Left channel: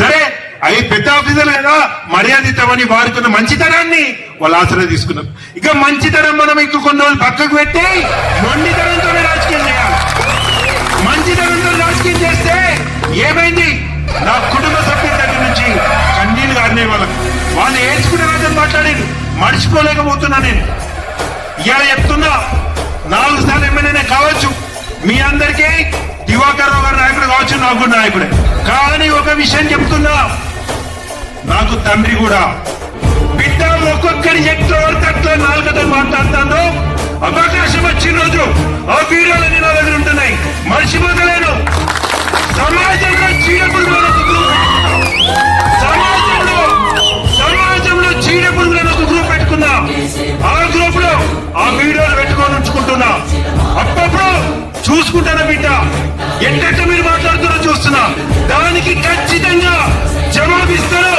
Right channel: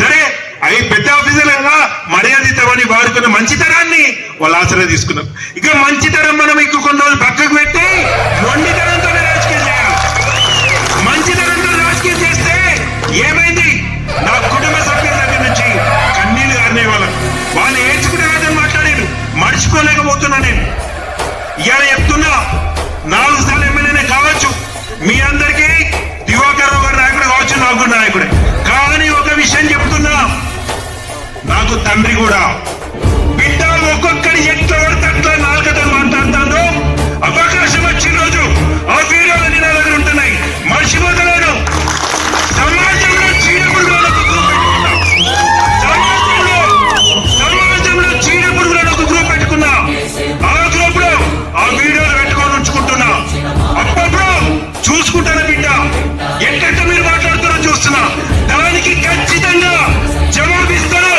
సరే అవి పెద్ద ఆఫీసర్లుగా మర్యాద ఇద్దామని వారుకున్న మంచితనాన్ని వాళ్ళు ఆసరా తీసుకున్నారు. ఇక మంచితనం మనం ఇంకో కొన్ని రోజులు పక్కకు పెట్టి మొండితనంతోనే రాజకీయం చేయాలి. మంచితనంతో రాజకీయం చేస్తే ఏమైంది? నా కుటుంబ సభ్యుల దగ్గర నుంచి కన్నీళ్లు గారినే వాళ్ళు ఏడ్చుకుంటే రాజని మాట్లాడారు, మర్చిపోలేకపోతున్నా. నేను ఇవాళ చెప్తున్నా, 4 సార్లు ఎమ్మెల్యేనే కావచ్చు, మీ అందరికీ దివాకర్ రావు గారి నాయకుడు కావచ్చు, నాకు కూడా నాయకుడే. కానీ ఒక విషయం చెప్తున్నా, నాకు తండ్రి కూడా. బిడ్డ ఒక్కొక్కరి ఎట్లా పడితే అట్లా నాలుగతో మాట్లాడుతాను. అవకాశం వచ్చిన రోజు ఆ వీడియోలన్నీ నా దగ్గర ఉంటున్నాయి, మర్చిపోతలేను. సమాజంలో చీడపురుగులకు గ్రూప్ పెట్టుకున్నా, సమాజంలో చీడపురుగులను ఒక గ్రూప్ పెట్టుకున్నా. ఆ గ్రూప్ లో ఆ వీడియోలు పెట్టుకొని ఉంచుకుంటున్నా. అప్పుడప్పుడు చూసుకుంటారా బిడ్డ, ఎట్ట మీరు మాట్లాడుతున్నా చూస్తున్నా. దానికి ఖచ్చితంగా జవాబిస్తాను.